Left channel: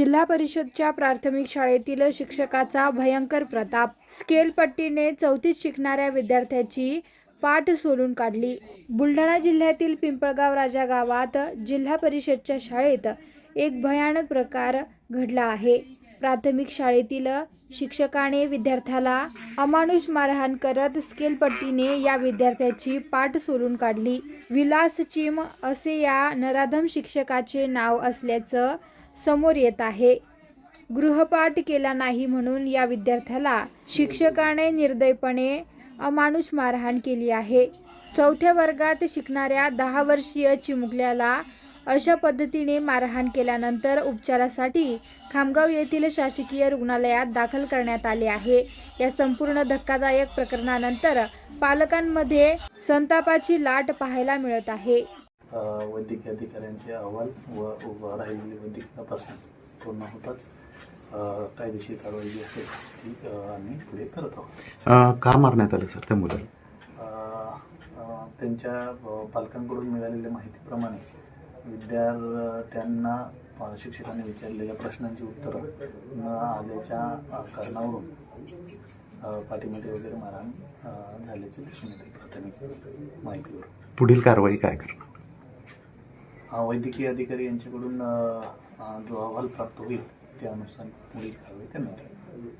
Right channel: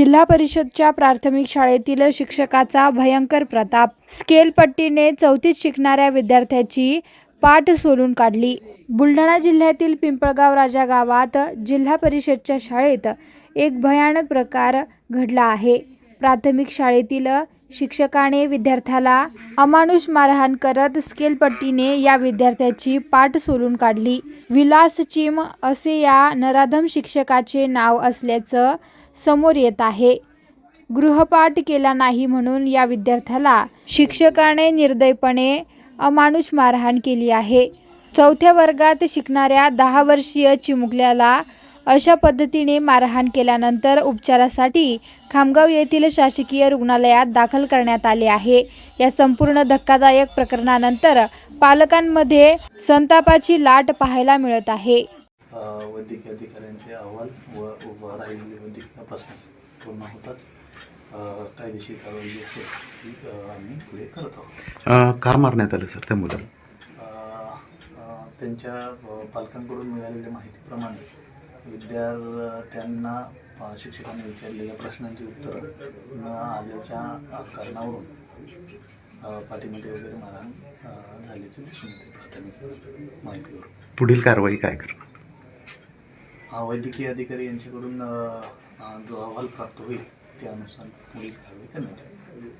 जिल्हा परिषदच्या प्राथमिक शाळेतील शिक्षकाचा भयंकर प्रताप. स्केलपट्टीने 4थीत शिकणाऱ्या विद्यार्थ्याची पाठ सोलून काढली. बुलढाणा जिल्ह्यातील पिंपळगाव राजा गावात जिल्हा परिषदच्या शाळेत एक भयानक प्रकार घडला आहे. प्राथमिक शाळेतील शिक्षकाने विद्यार्थ्याला अमानुष मारहाण करत स्केलपट्टीने या विद्यार्थ्याची पाठ सोलून काढली. विलास चिम असे या नराधम शिक्षकाचे नाव असल्याचं समोर येत आहे. गृहपाठ केला नाही म्हणून या विद्यार्थ्याला शिक्षकाने निर्दयपणे अमानुष मारहाण केली आहे. 4थ्या वर्गात शिकणाऱ्या 10 वर्षीय चिमुकल्याला अशा पद्धतीने मारहाण केल्यानंतर उपचारासाठी खामगाव येथील शासकीय रुग्णालयात दाखल करण्यात आले आहे. या संपूर्ण धक्कादायक प्रकरणानंतर पालकांमध्ये संतापाची लाट पाहायला मिळत आहे. वैद्यकीय अधिकाऱ्यांचे अहवाल व राहिलेली वैद्यकीय तपासणी पूर्ण होतात. कायदेशीर कारवाई जी असेल ती आम्ही पुढे करत आहोत. का मारण्यात आलं सर त्या मुलाला? त्यांच्या पालकांकडून मिळालेल्या माहितीप्रमाणे विद्यार्थ्यांना शिक्षकांनी विचारलेल्या प्रश्नांची उत्तरं न आल्याच्या कारणावरून पाठीमध्ये वगैरे मारहाण झाल्याचं दिसून येते. प्राथमिक माहितीवर पुढील कारवाई काय करणार? वैद्यकीय अधिकारी यांच्याकडून जो अहवाल प्राप्त होईल त्यानुसार पुढील कारवाई करण्यात येईल.